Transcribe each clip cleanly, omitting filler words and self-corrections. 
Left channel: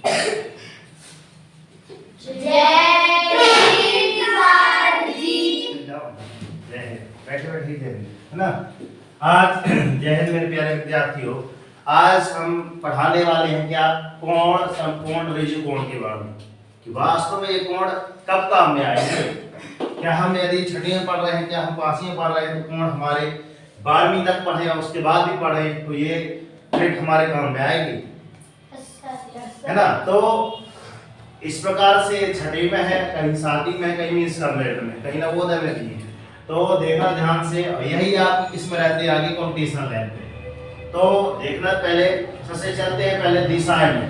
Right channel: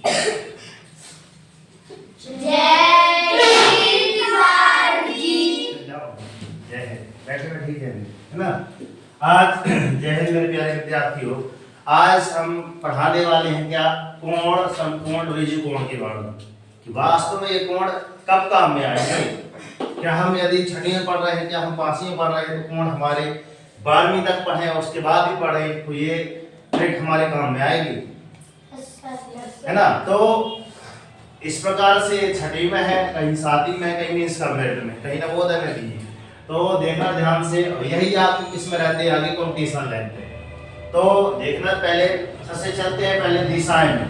है ना। आज जय हिंद मेरे प्यारे विद्यार्थियों, आज हम पढ़ाने वाले हैं क्या, कोण, समकोण, ऋजुकोण के बारे में कि वास्तव में ये कोण कब काम में आएंगे। क्या हम यदि छठी में पढ़ रहे हैं, क्या हम 5वीं में पढ़ रहे हैं, तो कोण हमारे 12वीं तक पढ़े और उसके बाद भी पढ़े तो ये ट्रिक हमारे काम में आएगी, है ना। तो इस प्रकार से छठी में है, कहीं 7वीं में, कहीं मीन्स कम्प्लीट में, कहीं नवोदय में भी है। तो देखना ध्यान से, यही आपकी किस में रहते हैं, आगे कंपटीशन रहते हैं। तो देखना पहले सबसे चलते हैं पहले दिशाएं में,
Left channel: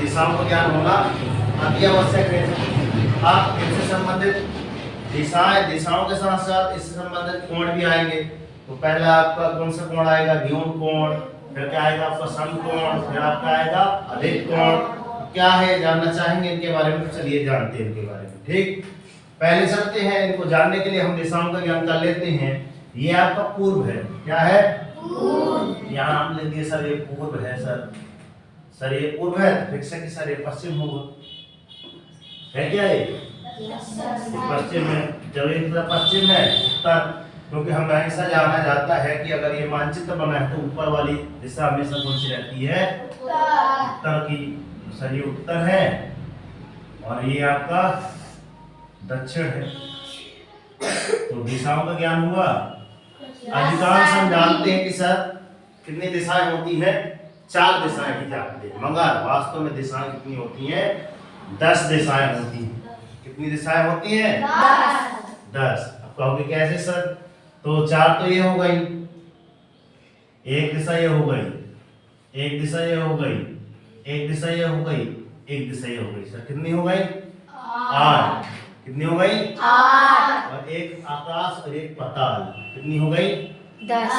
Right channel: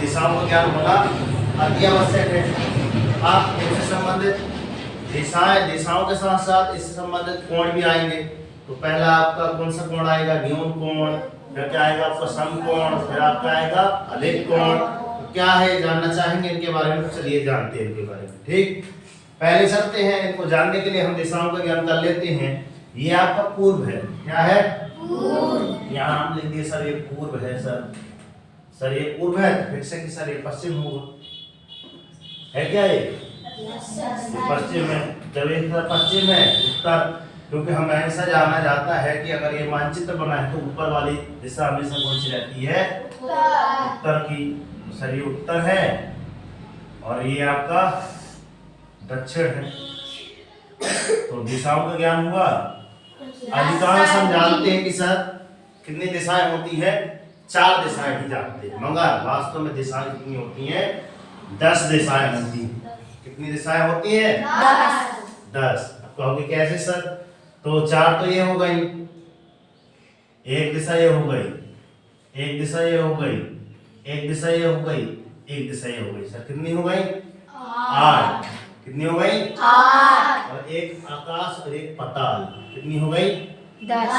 दिशाओं का ज्ञान होना अति आवश्यक है। आप इनसे संबंधित दिशाओं के साथ साथ इससे संबंधित कोण भी आएंगे। तो पहला आपका कौन सा कोण आएगा, न्यून कोण, फिर क्या आएगा आपका समकोण, फिर आपका आएगा अधिक कोण। तो क्या है जानना चाहेंगे इनके बारे में, चलिए जानते हैं इनके बारे में। ठीक, पहले चलते हैं, इनको जानने के लिए हम दिशाओं का ज्ञान कर लेते हैं। ये आपका पूर्व है, क्या है, पूर्व। यहाँ हम लेंगे सर ये पूर्व है, सर ये पूर्व है, फिर से कि सर ये पश्चिम होगा, है क्या ये पश्चिम है। जब ये पश्चिम है, उत्तर, क्योंकि हम हमेशा जाना जाता है कि अगर ये मानचित्र बना है तो ऊपर वाली दिशा हमेशा कौन सी रहती है, उत्तर की। सर ये उत्तर है और ये आपका दक्षिण है। तो दिशाओं का ज्ञान हुआ। अधिकांश हम जानते हैं कि सर कितनी दिशाएं होती है, 4 दिशाएं ही जानते हैं, मगर वास्तव में दिशाएं कितनी होती हैं, 10 दिशाएं होती हैं। कितनी दिशाएं होती हैं, 10। अब कहोगे कैसे सर, तो 4 तो ये हो गई, एक दिशा ये हो गई, एक दिशा ये हो गई, एक दिशा ये हो गई, एक दिशा ये हो गई। सर कितनी हो गई, 8। कितनी हो गई, 8। और एक आकाश और एक पाताल, कितनी हो गई, 10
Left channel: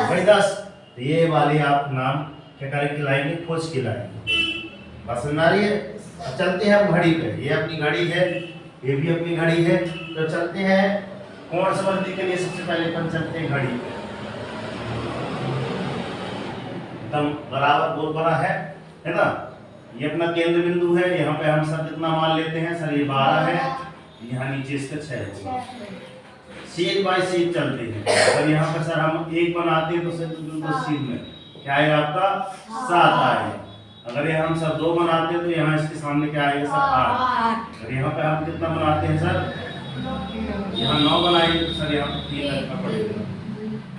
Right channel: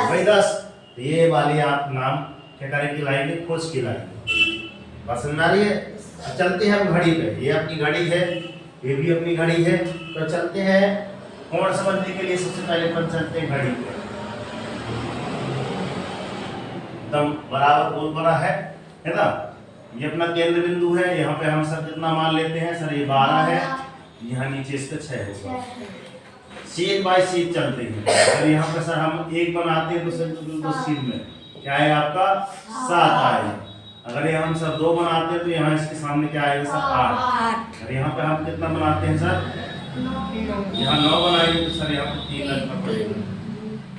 हो गई, 10। तो ये वाली आप नाम क्या करेंगे, लाएंगे, खोज के लाएंगे। बात समझ आ रही है। अब चलते हैं हम घड़ी पे, ये अपनी घड़ी है, ये भी अपनी घड़ी है। तो चलते हैं कोण समझने के लिए सबसे पहले अपन चलते हैं घड़ी पे। एकदम बराबर गोल बना है ना। ये अपना केंद्र बिंदु है, यहाँ पे हम सर कितना मान लेते हैं, सर ये 12 है, यहाँ नीचे इसका 6 होगा। सीध बाय सीध चलते हैं, और यहाँ पे सर हम 1 बनाते हैं तो सर सीध में क्या आएगा आपका, 7 आएगा। अगर ये हम सर 2 बनाते हैं तो यहाँ इसके सामने क्या आएगा सर, 8। और यहाँ पे हम कितना बनाते हैं सर, यहाँ 9 बनाएंगे तो सर यहाँ पे 3 लिखना पड़ेगा।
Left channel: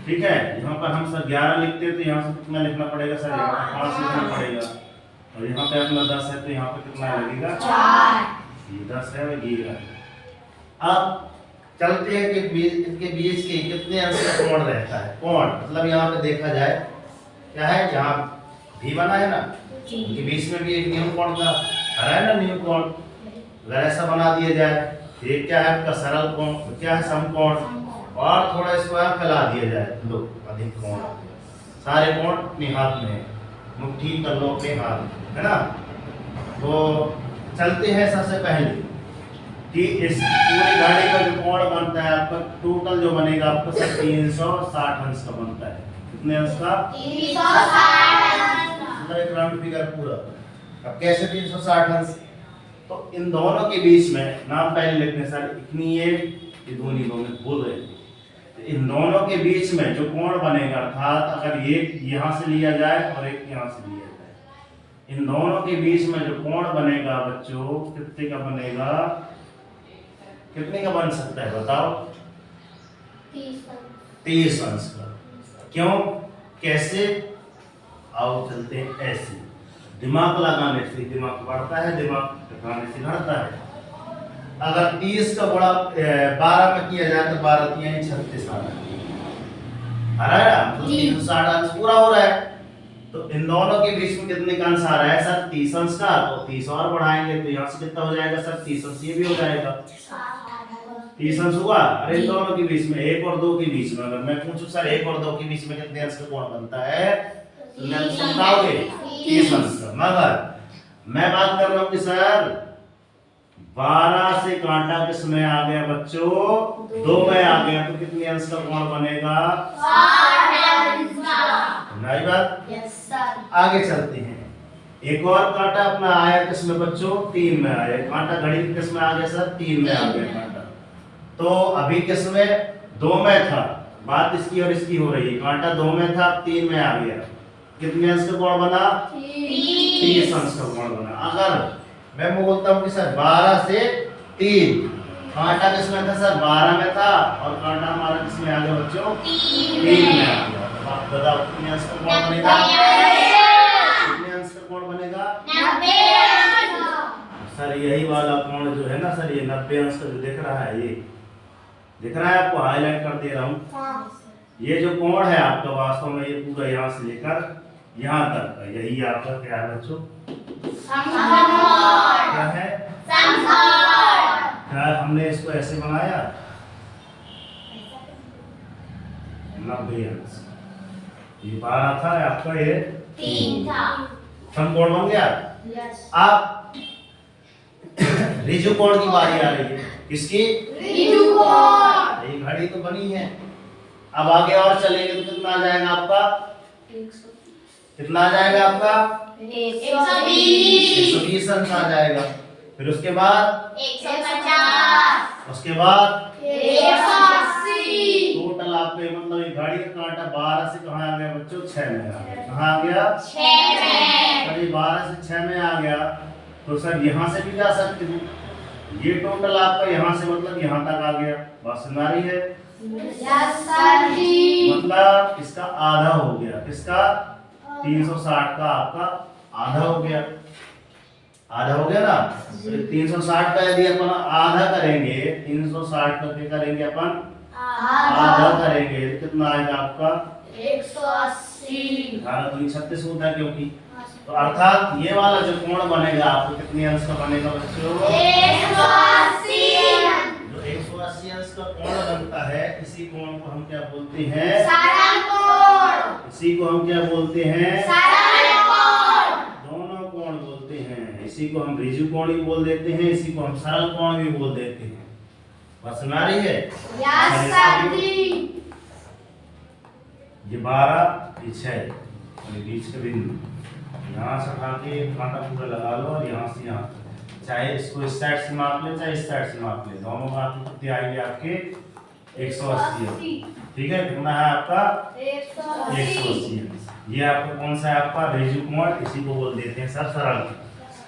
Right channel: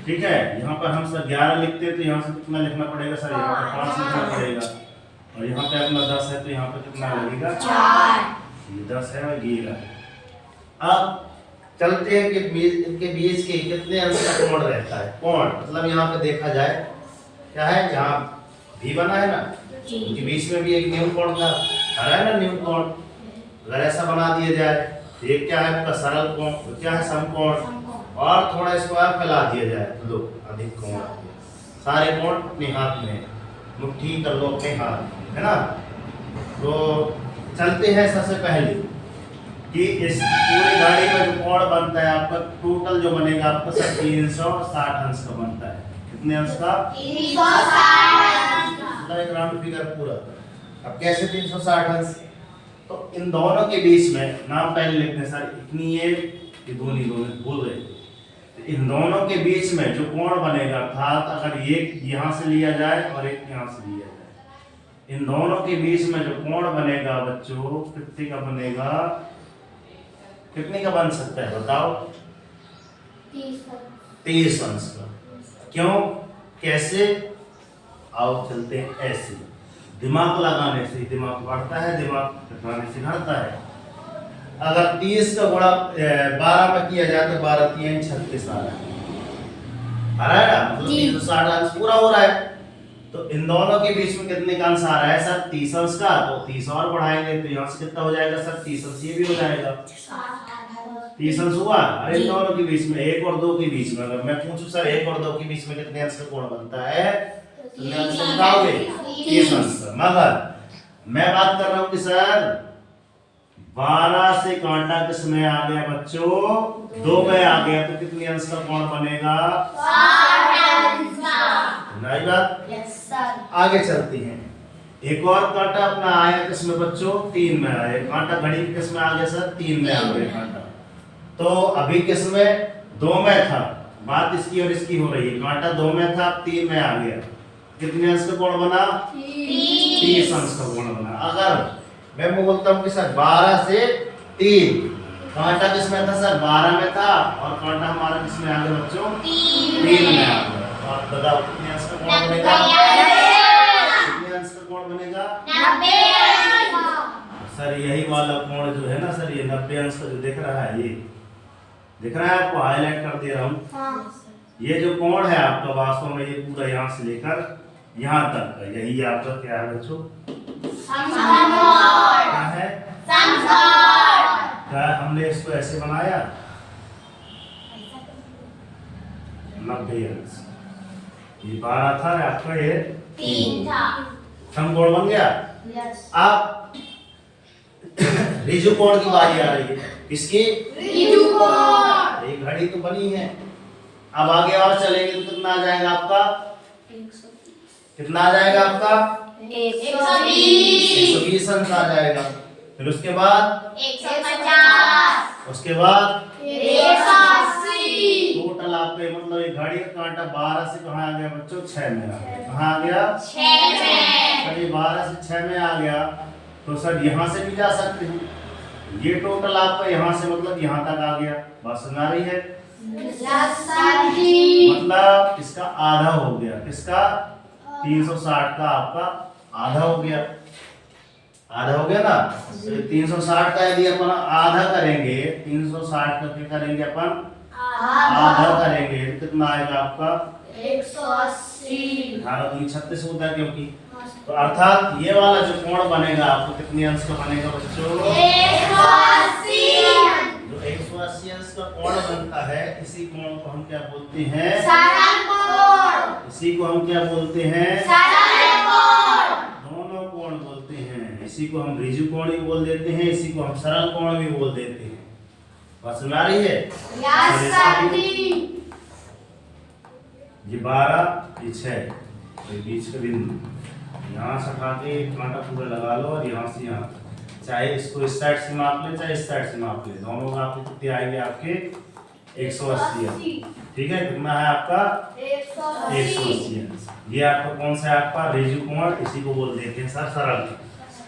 ठीक है, यहाँ पर हम सर 11 लिखते हैं तो यहाँ से कितना लिखना पड़ेगा सर, यहाँ पे 5 लिखना पड़ेगा। और यहाँ पे अपना 10 है तो यहाँ पे कितना लगेगा, 4। ये 10 है और ये है। अब चलते हैं कि इनके बीच के कितने अंश का कोण रहता है। कोण मतलब यहाँ पे देखा जाए क्या है, यहाँ भी बना है ना, इनके बीच में भी एक न्यून कोण का है ना, न्यून कोण। अगर ऐसा बना दिया जाए तो ये क्या है आपका सरल कोण, तो क्या है समकोण, और थोड़ा इसको आप फैला दिया जाए तो लो अधिक कोण। सारे कोण अपने हाथ में, मुट्ठी कर लो अपने हाथ, है ना। तो चलते हैं सबसे पहले कि इस पूरी घड़ी का जो कोण बनता है आपका, टोटल जो बनेगा आपका सर 360 अंश का बनता है। कितने अंश का, 360 अंश। एक राउंड फिगर पूरा। अब कैसे 360 अंश, तो इन दोनों के बीच में नाम पहले लिखने सर, इतनी ये दोनों बोल रहे थे। तो इन दोनों के बीच में जो कोण बनेगा, अर्थात अगर ये यहाँ से लिया जाए और एक यहाँ से लिया जाए, इन दोनों के बीच में जो कोण बनेगा बच्चों, कितने का बनेगा, कितने का बन सकता है बताओ, 30 अंश का। क्यों, कैसे, आओ चलते हैं ऐसे। दिमाग लगाने से दिमाग बढ़ता है, दिमाग लगाने से घटता है। अगर 30 का गुणा 12 में किया जाए तो 12 3 36 आ रहा है, मतलब 360 अंश पूरा हो रहा है। तो इन दोनों के बीच में कितने का अंश आ रहा है सर, 30 अंश का। तो 30 और बढ़ाएंगे तो यहाँ से कितना हो जाएगा सर, 30 अंश ये भी हो जाएगा, 30 अंश हुआ। अरे इन दोनों के बीच में 1 और 2 के बीच में अगर मैं पूछूं सर 1 और 2 के बीच में कितने अंश का कोण बनता है, तो मैं बताओगे 30 अंश का। मगर मैं बात कर रहा हूँ कि सर 12 से कांटा किस में आ गया बच्चों, 2 में आ गया, तो कितने अंश का कोण बनेगा, 60 अंश का। नहीं बात, यस सर। आगे चलते हैं, एक और कांटा अपना आया किस में बच्चों, 3 में आया। कांटा घड़ी के किस में आ गया सर, 3 में आ गया कांटा। तो अभी किस में, 2 में था, बात इसकी और इसकी हो रही है। कांटा 2 में था, अब 3 में आ गया। कितने अंश का कोण बना, 30 अंश का कोण बना। अगर मैं बोलता हूँ कि सर 12 से 3, कांटा किस में था सर, 12 में था, और कांटा हमारा किस में आ गया बच्चों, 3 में आ गया। तो आप बताओ कितने अंश का कोण बनेगा, कितने अंश का कोण बनेगा, 90। सर यही वाला कोण जो है ना सर, ये 90 अंश का जो दिख रहा है, ये दिख रहा है आपको, हाईलाइट कर दे रहा हूँ। ये जो कोण है आपका वास्तव में ये पूरा यहाँ से लेकर यहाँ तक का, यही आपका क्या है बच्चों, क्या है, क्या हमने इसको ऐसे बनाया 90 अंश। ये 12 था आपका, ये 3 था, समकोण बन गया। अब ऋजु कोण की बारी आ रही है, किसकी, ऋजु कोण। ये घड़ी तो बनी है, अब आगे और चलेंगे तो कितना आ जाएगा आपका, कितना आ जाएगा आपका, 120 अंश आ जाएगा। फिर उसके बाद 150, उसके बाद 180। टोटल आपको मतलब एक घड़ी का कांटा 12 से कहाँ आ गया बच्चों, 6 में आ गया। कहाँ आ गया, 6 में। कभी 12 से 6 में आ गया तो सर यहाँ से भी जा सकते हैं। ये टोटल आपका यहाँ से मतलब यहाँ तक आ गया। बात समझ आ रही है, मतलब इसका आधा हो गया, किसका, 360 का आपका आधा हो गया, आधा हो गया ना। तो 360 का यदि अपन आधा करेंगे, 360 का क्या करेंगे अपन, आधा करेंगे, तो कितना आएगा आपका, 180। 36 होता है क्योंकि, तो अर्थात ये वाला जो कोण बनेगा आपको कितने अंश का बनेगा बच्चों, 180। जो 180 अंश का कोण बनता है, इसी कोण को हम क्या बोलते हैं, सरल कोण। इसी को हम क्या बोलते हैं, सरल कोण। दोनों कोण बोलते हैं, इसी को हम ऋजु कोण भी बोल देते हैं, इसी को हम सरल कोण भी बोल देते हैं। बात समझ आ रही है, ये 12, ये 6, बीच का बिंदु यहाँ से उठा के कांटा पूरा लगा लो, और यहाँ से यहाँ, चाहे इसको इस साइड से माप ले, चाहे इस साइड से माप ले, दोनों में आपके कितने आएंगे, आपके 180। ठीक है, कितना है आपका, 180। ये आपका कौन सा है, आपका ऋजु कोण, इसी को बोल देते हैं सर सरल।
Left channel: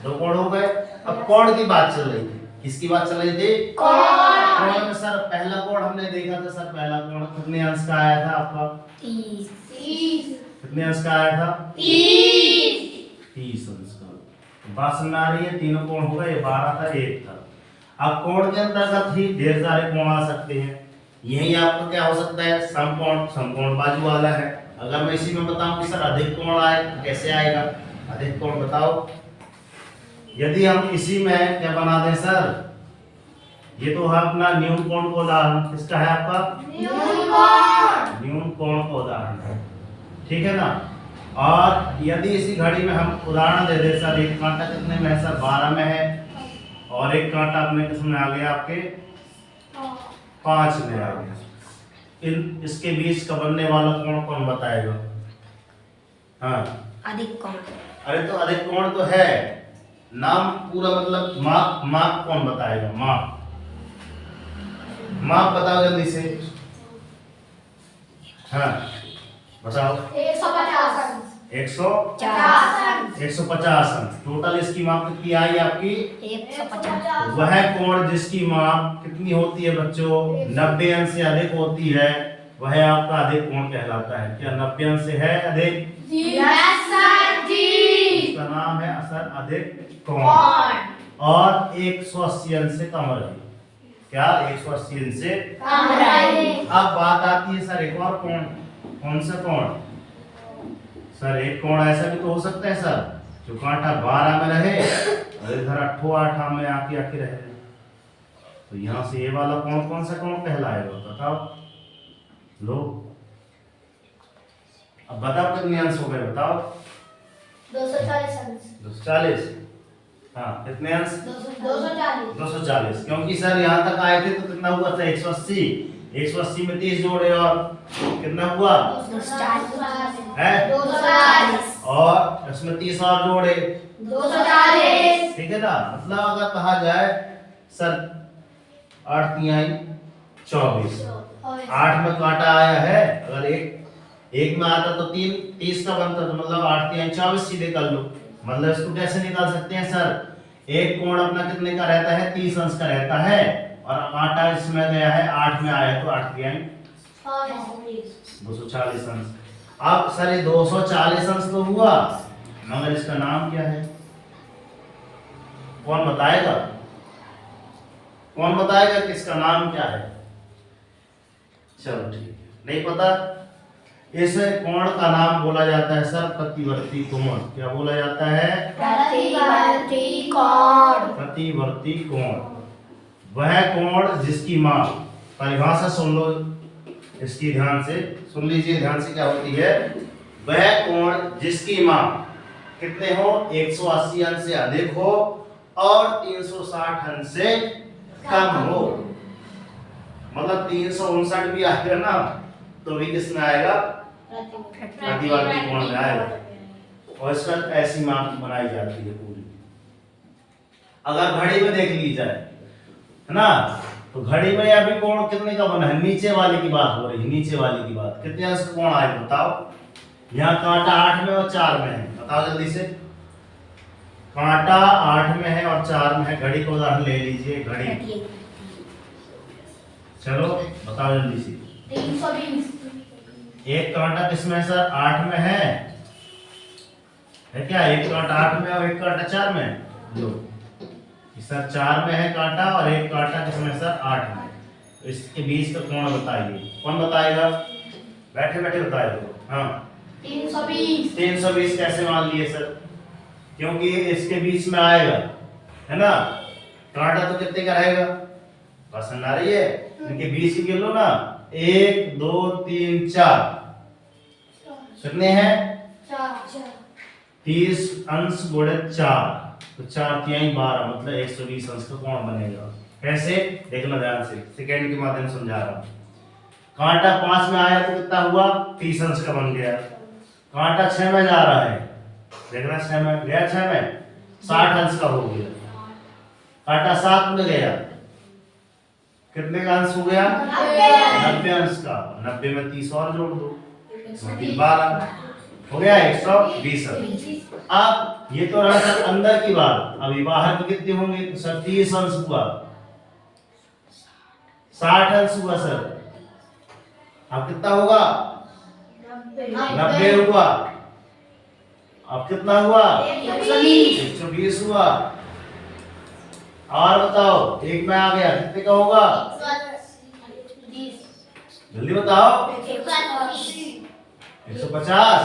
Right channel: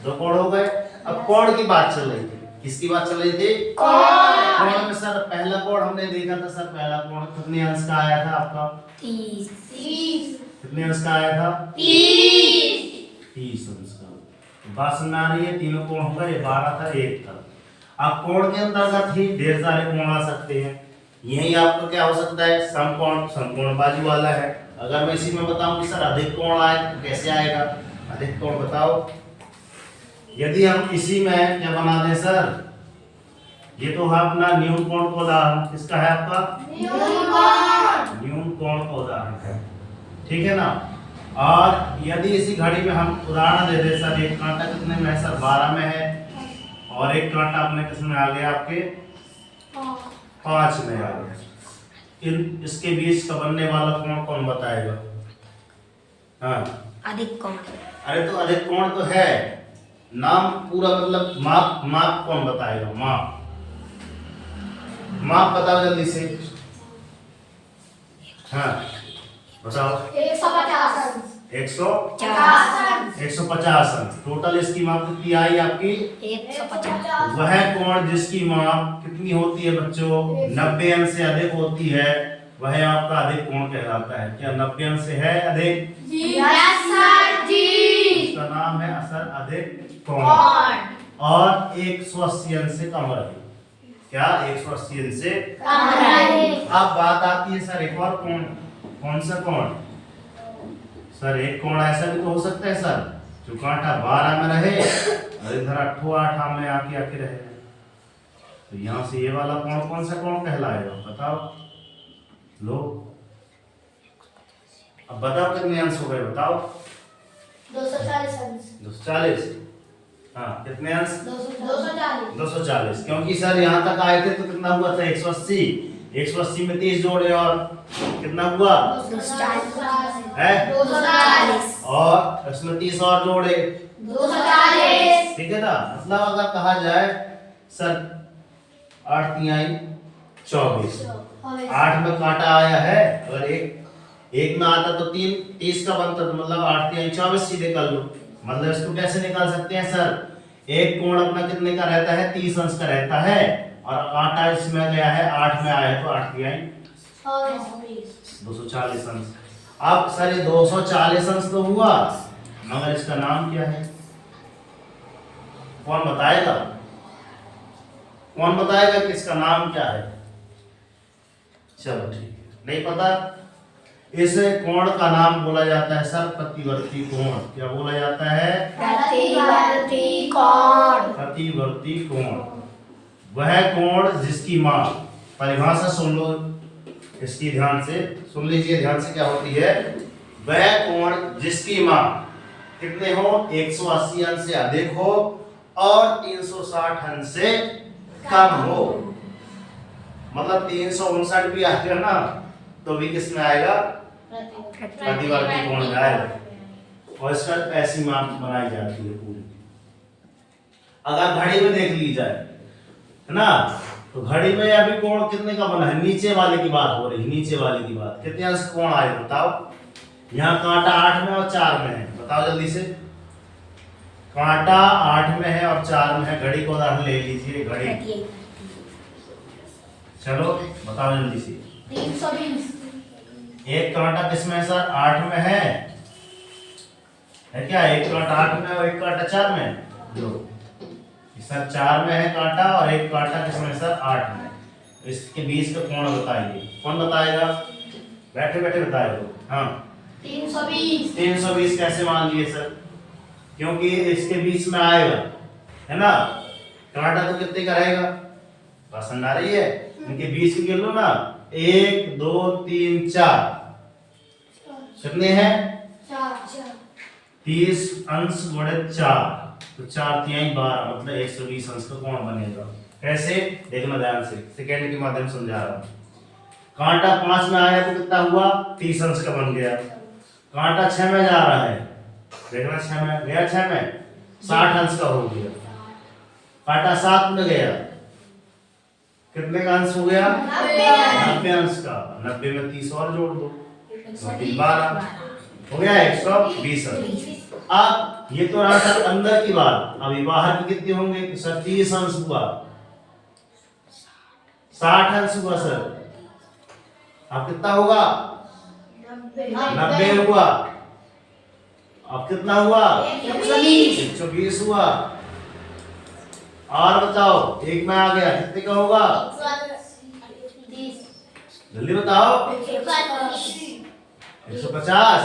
2 कोण हो गए। अब कोण की बात चल रही थी, किसकी बात चल रही थी, कोण में सर पहला कोण हमने देखा था सर, पहला कोण कितने अंश का आया था आपका, 30। कितने अंश का आया था, 30 अंश का। बात समझ आ रही है, तीनों कोण होगा, ये 12 था, 1 था। अब कोण के अंतर्गत ही ढेर सारे कोण आ सकते हैं। यही आपका क्या हो सकता है, समकोण, समकोण बाजू वाला है। अगर मैं इसी में बताऊं कि सर अधिक कोण आए, कैसे आएगा अधिक कोण, बताओ। यदि हम इसी में क्या बना दें सर, ये तो है अपना न्यून कोण का उदाहरण, किसका है आपका, न्यून कोण का उदाहरण, ठीक है ना। और यदि इसी घड़ी में हम उदाहरण दे दे सर, एक कांटा कितने में है सर, 12 में है, और एक कांटा अपने किसमें आ गया, आपके 5 में आ गया। इन इसके बीच का बनने वाला कोण कौन बताएगा, हाँ, अधिक कोण। अरे तो अधिक कोण तो है, नाम पूरा मतलब माप, माप कौन बताएगा, माप, माप बताओ जल्दी से, हाँ बताओ। 150 अंश। टोटल इसकी माप कितनी आई आपकी, 150। वह कोण जिसकी माप कितनी होती है बच्चों, 90 अंश से अधिक होती है, वह आपका अधिक कोण कहलाता है। क्या 90 अंश से है अधिक, इसका नाम है असर अधिक कोण। और 180 अंश से कम रहे, क्या 180 अंश से कम रहे। अब बात आती है सर एक और कोण, कौन सा कोण सर, एक कोण ऐसा भी तो हो सकता है सर, जो कांटा 12 में रहे और इधर 8 में आके रहे। तो यहाँ से ये वाला कोण कौन सा कोण कहलाएगा, बताओ लो। अब बताओ कितने अंश हो गए, बताओ। 240 अंश। 240, हाँ कितने अंश, 240। 240, क्योंकि सर यहाँ तक आए थे तो कितना हुआ था, 180। 180 में 30 जोड़े और कितना हुआ, 240 है, 240। और इसमें 30 और जोड़े 240 ठीक है ना। मतलब अगर कहा जाए सर 8 तिहाई 24, 8 में कांटा आया है, अगर एक में आता तो 30 का बनता, तो मतलब 8 तिहाई 24 सीधे कर लो। मतलब इसको कैसे निकाल सकते हैं सर, एक कोण अपना कितने का रहता है, 30 अंश का रहता है, और कांटा इसमें गया है 8 में आया है, तो 8 तिहाई 240 अंश। अब सर ये 240 अंश तो हुआ, मगर इसका नाम क्या है, कौन बताएगा, कौन बताएगा कि इसका नाम क्या है। चलो ठीक है, नहीं पता, इस कोण का नाम बोला जाता है सर प्रतिवर्ती कोण। क्या बोला जाता है, प्रतिवर्ती कोण। प्रतिवर्ती कोण वह कोण जिसकी माप, परिभाषा सुन लो इसकी, ध्यान से सुन लीजिए, ध्यान से क्या होती है, वह कोण जिसकी माप कितने हो, 180 अंश से अधिक हो और 360 अंश से कम हो। मतलब 359 भी आएगा ना तो भी किस में आएगा, प्रतिवर्ती कोण में आएगा। और इसका ऐसी माप बनाई जाती है पूरी। अगर घड़ी में देख ली जाए है ना, तो घड़ी में अभी कोण कितने का बना है, नीचे वाले की बात हो रही है, नीचे वाले की बात, कितने अंश का कोण आएगा बताओ। यहाँ कांटा 8 में और 4 में है, बताओ जल्दी से। कांटा 8 में है और 4 में है, घड़ी को उदाहरण ले लीजिए, घड़ी, चलो बताओ जल्दी से। 320 एक कांटा किसमें है सर, 8 में है क्या, एक कांटा 8 में और एक कांटा 4 में, लो सर 4 में है कांटा और एक कांटा किसमें है सर, 8 में। इसके बीच का कोण बताइए, कौन बताएगा, बैठे बैठे बताएगा। हाँ 320 320 कैसे मान लिए सर, क्योंकि इसके बीच में आएगा है ना, कांटा तो कितने का रहेगा, पसंद आ रही है, इनके बीच की लो ना, 1 2 3 4 कितने हैं, 30 अंश गुणे 4, तो 4 तिहाई 12, मतलब 120 अंश का कोण बनेगा। कैसे, देखना ध्यान से, सेकंड के माध्यम से समझा रहा हूं। कांटा 5 में आया तो कितना हुआ, 30 अंश का बन गया। कांटा 6 में जा रहा है, देखना 6 में गया, 6 में 60 अंश का हो गया। कांटा 7 में गया, कितने का अंश हो गया, 90 अंश का, 90 में 30 और जोड़ दो, 12 हो गया 120 अंश। अब ये तो रहा सर अंदर की बात, अभी बाहर की कितने होंगे, तो सर 30 अंश हुआ, 60 अंश हुआ सर, अब कितना होगा, 90 हुआ, अब कितना हुआ, 120 हुआ। और बताओ, एक में आ गया, कितने का होगा, जल्दी बताओ, 150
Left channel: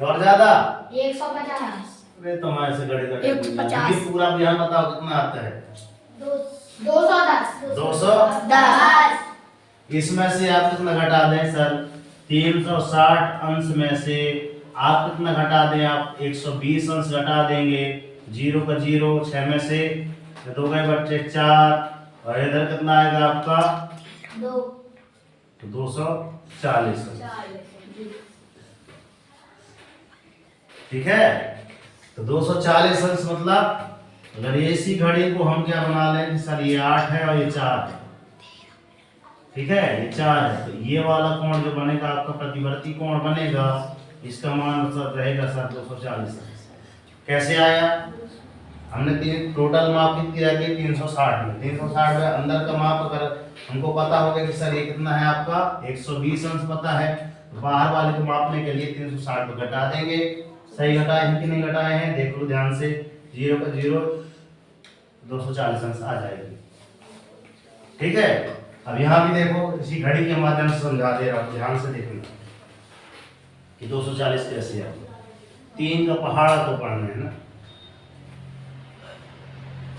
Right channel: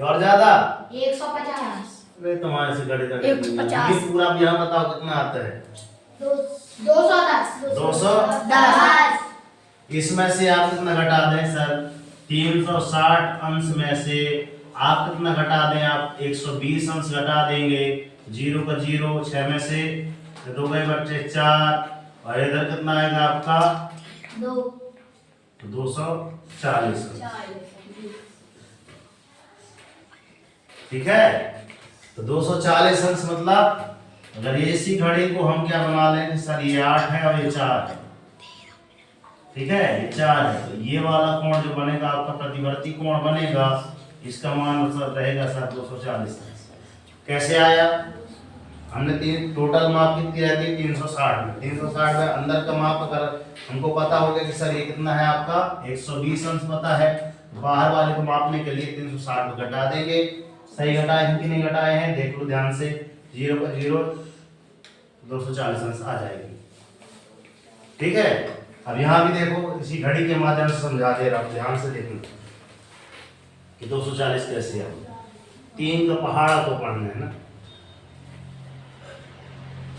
और ज्यादा, 150 अरे तुम्हारे से गड़े गड़े 150 पूरा भी हम बताओ कितना आता है, 210 210। इसमें से आप कितना घटा दें सर, 360 अंश में से आप कितना घटा दें, आप 120 अंश घटा देंगे, 0 का 0, 6 में से 2 गए बच्चे 4, और इधर कितना आएगा आपका, 2 तो 240 अंश। ठीक है, तो 240 अंश मतलब अगर इसी घड़ी को हम क्या बना लें सर, ये 8 है और ये 4 है, ठीक है, ये 4 है, तो ये वाला कोण जो बनेगा आपका प्रतिवर्ती कोण बनेगा, इसका मान सर रहेगा सर 240 अंश। कैसे आया, हमने तीन टोटल माप कितनी रहती है, 360 में, 360 में अंदर का माप अगर हमको पता होगा कि सर ये कितना है आपका 120 अंश पता है, तो बाहर वाले को मापने के लिए 360 को घटा देंगे। सही घटाए हैं कि नहीं घटाए हैं, देख लो ध्यान से, 0 का 0, 240 अंश आ जाएगी। ठीक है, अब यहाँ भी देखो, इसी घड़ी के माध्यम से समझा दे रहा हूँ, ध्यान से देखना कि 240 कैसे है। 3 का पहाड़ को पढ़ना है ना,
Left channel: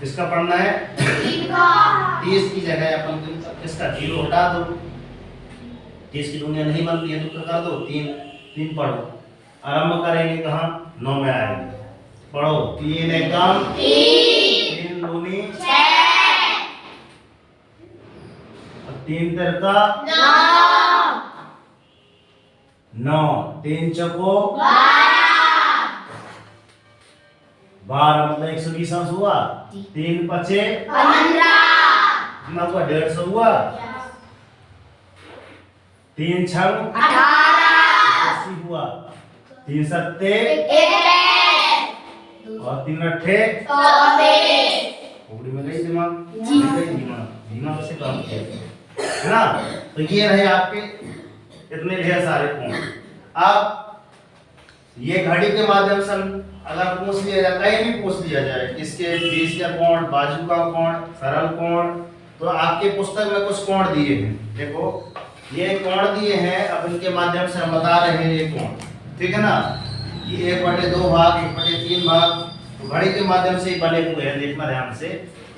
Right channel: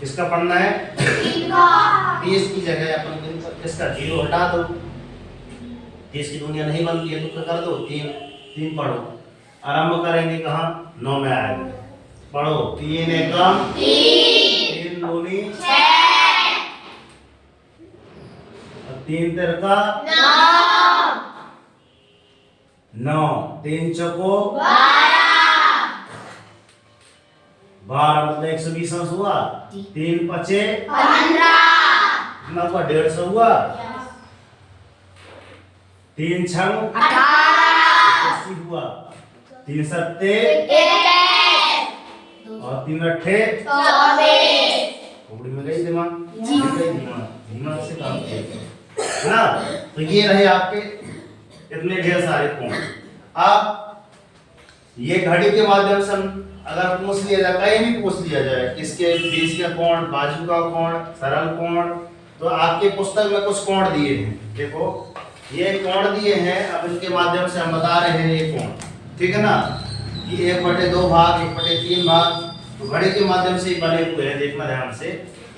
किसका पढ़ना है, 30 की जगह अपन इसका 0 हटा दो, 30 की दुनिया नहीं बनती है तो कर दो, 3 पढ़ो। आरंभ करेंगे कहाँ, 9 में आएंगे, पढ़ो, 3 एकदम 3 दूनी 3 तिरका 9, 3 चौको 12, 12 मतलब 120 अंश हुआ। जी। 3 पचे 15 कितना हुआ, 150 हुआ। 3 छंग 18 80 हुआ। 3 सत्ते 21 और 3 अट्ठे 24 खोपड़ी में गई दिमाग। जी। गई दिमाग, दिमाग से काम किया है ना। तो ये रहे आपके इतने ढेर सारे कोण। अब ये घड़ी के माध्यम से अगर पूछ लिया जाए, कहीं भी पूछ लिया जाए इसके बीच का कोण, बाजू का कोण, सरल कोण, तो आपके पुस्तक में कुछ कोण दिए हैं। देखो ये कोण दिए हैं, अब इनके माध्यम से हम बता रहे हैं ये कोण, ठीक है ना। ये 1/2 भाग, 1/3 भाग तो घड़ी के माध्यम से ही बने हुए हैं, देखना ध्यान से।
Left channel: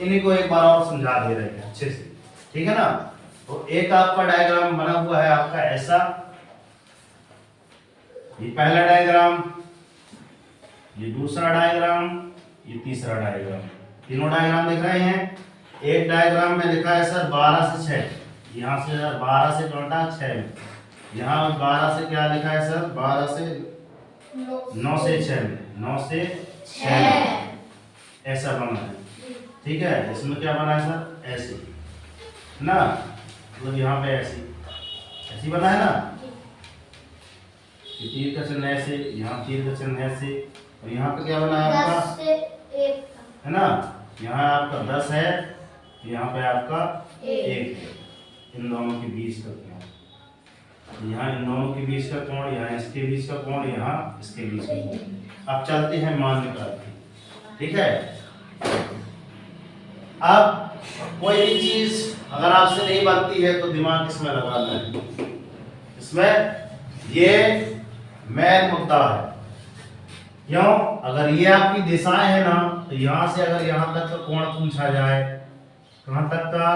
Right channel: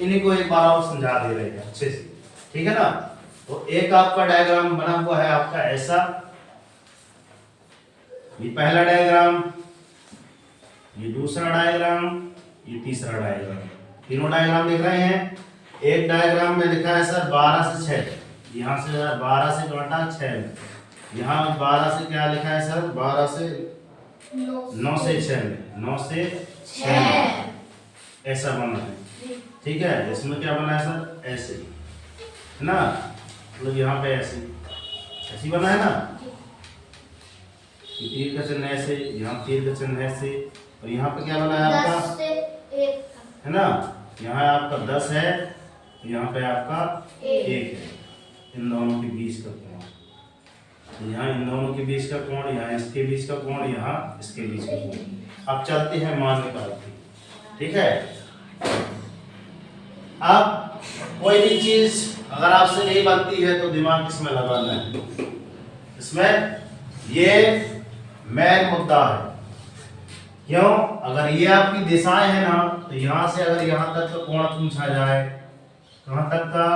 इन्हीं को एक बार और समझा दे रहे हैं अच्छे से, ठीक है ना। तो एक आपका डायग्राम बना हुआ है आपका ऐसा, ये पहला डायग्राम, ये दूसरा डायग्राम, ये तीसरा डायग्राम। तीनों डायग्राम दिख रहे हैं। एक डायग्राम में लिखा है सर 12 से 6, यहाँ से 12 से घटा 6, यहाँ 12 से क्या लिखा है सर, 12 से 9 से 6 में, 9 से 6 में ऐसा बना है, ठीक है। इसमें क्या बना है सर, ऐसे ना, मतलब यहाँ पे ऐसी बना है ना। तीर का चिन्ह ऐसे, यहाँ तीर का चिन्ह ऐसे, और यहाँ पे क्या बना है आपका, 10 से 1 है ना। यहाँ आपका 10 है, यहाँ पे आपका 1 है। इन दोनों के बीच का कोण, यहाँ इन दोनों के बीच का कोण, यहाँ इसके बीच का कोण, यहाँ इसके बीच का कोण। अब चलते हैं मान निकालते, ठीक है। अब कोई भी चीज अगर आपसे नहीं बनती है तो दिमाग किसमें लगाना है, इसमें ये मेन मुद्दा है। क्यों, अगर ये आपकी दिशाएं हैं ना, तो यहाँ से अगर यहाँ तक का कोण पूछा जाए, कहाँ तक का,